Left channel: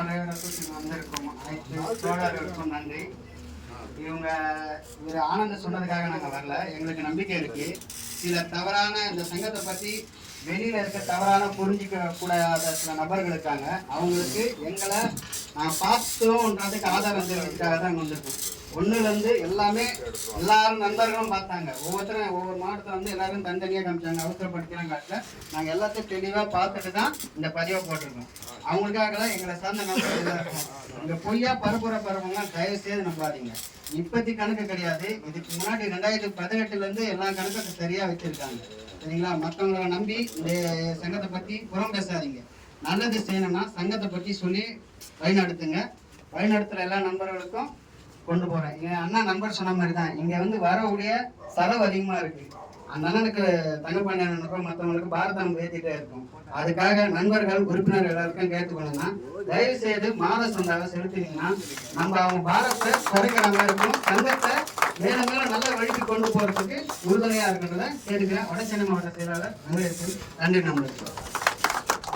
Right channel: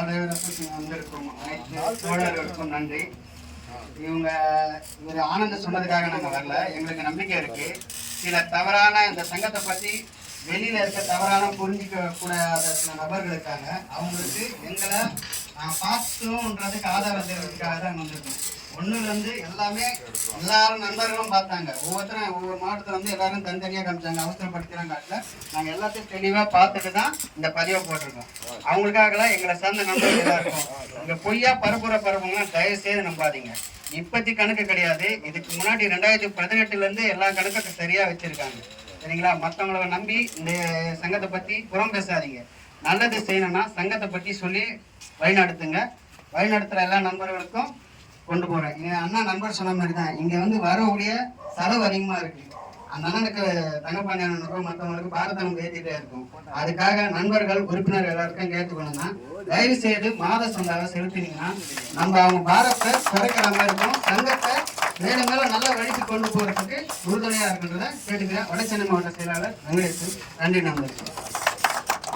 பார்வையாளர்களுக்கும் வந்திருக்கும் அனைத்து தோழர்களுக்கும் நன்றி. இவர் ஆனந்த சொன்னதுக்காக நாங்கள் வரல. எங்களுக்கு நம்பிக்கை இருக்கு. சில தவறான இந்த சங்கத்தை பற்றி வெளியில இருக்க தவறான புரிஞ்சிக்க கூடாத சில நபர்கள் இருக்காங்க. அவங்களுக்கு எங்களை நாங்கள் பார்த்தோன்றதுக்கு ஆதாரம் தெரிவிக்கிறதுக்காக தான் வந்திருக்கோம். ஒன்றுலேருந்து எல்லாமே எல்லாரும் நண்பர்களும் பார்த்தாங்க. ஒவ்வொருத்தரும் ஒவ்வொரு நாட்டத்தை வந்து எல்லாரும் தனித்தனியாக காமிச்சாங்க. அவசரப்படுத்திலாம் காட்டில் நாங்கள் எல்லாத்தையும் தெளிவாக பார்த்துட்டு தான் இந்த பதிவை போட்டிருக்கோம். அவங்களுக்காகலாம் எங்களை சார்ந்த நண்பர்கள் எல்லாம் இருக்கும். இங்கே பொய்யா பரப்புறவங்களாம் தயவு செய்து நம்பாதீங்க. இப்போத்தி கணக்கு கிடையாது. இதுக்கு முன்னாடி 2018 எல்லா கணக்குக்கும் சரியாக வச்சுருக்காங்க. சரிங்களா? மற்றவங்கள நம்பி இந்த சங்கத்தை பற்றி புறம் பேசாதீங்க. நல்லது செய்யணும்னா சங்கத்தை பற்றி சொல்லி வழிநடத்துங்க. வழிநடத்துகிற எல்லா நண்பர்களுக்கும் கொண்டு போகிறேன். எங்கள் அண்ணன் நண்பர் சொன்ன மாதிரி தான் இங்கே வந்து வரக்கூடிய செலவு அதிகமாக இருக்குது. அந்த அண்ணனுக்கு தங்கப்பாண்டி அண்ணனுக்கும் மற்றவங்களுக்கு பாரத்தை நம்ம ஏற்றிட்டே இருக்கும். அதுக்காக நண்பர்கள் உறுப்பினர்கள் எல்லாருக்கும் கேட்டுக்கணும்னா தயவு செய்து மாத சந்தாவை செலுத்தினீங்கன்னா நம்ம அவங்க பாரத்தை குறைக்கிற மாதிரி இருக்கும். சங்கத்தை மேலும் மேலும் நல்ல வழிக்கு கொண்டு போகிறதுக்கு உறுதுணையாக இருக்குன்றதை கேட்டுக்கிறேன். வடசென்னை மாவட்ட செயலாளர் வெங்கடேஷ். நன்றி நண்பர்கள்.